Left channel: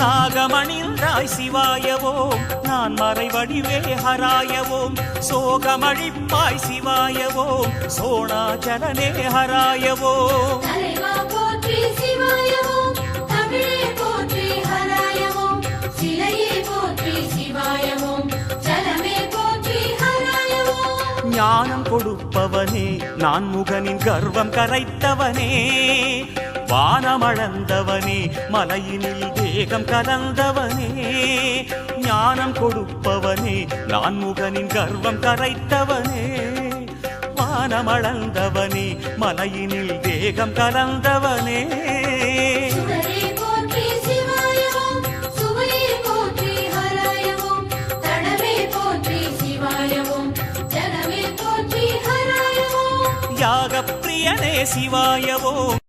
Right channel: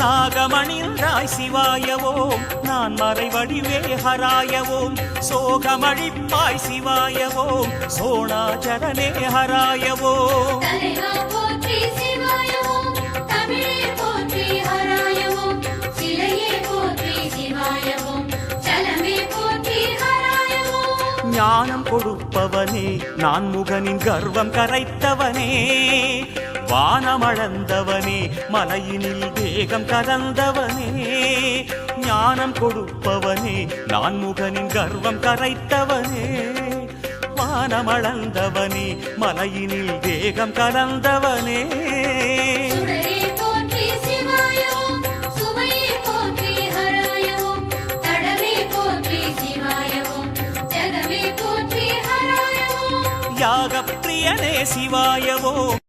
நாகமணிந்தாய் சிவாயவோம் நான் மறைவடிவே ஹராயவோம் சோகமழிப்பாய் சிவாயவோம் சோணாச்சலனே ஹராயவோம் ஞானம் கொடுப்பவனே நான் முகனின் கர்வம் கரைத்தவனே வானமளந்தவனே மலையினில் தேகம் கலந்தவனே ஞானம் கொடுப்பவனே நான் முகனின் கர்வம் கரைத்தவனே வானமளந்தவனே மலையினில் தேகம் கலந்தவனே யாக பிரியனே சிவாயவோம்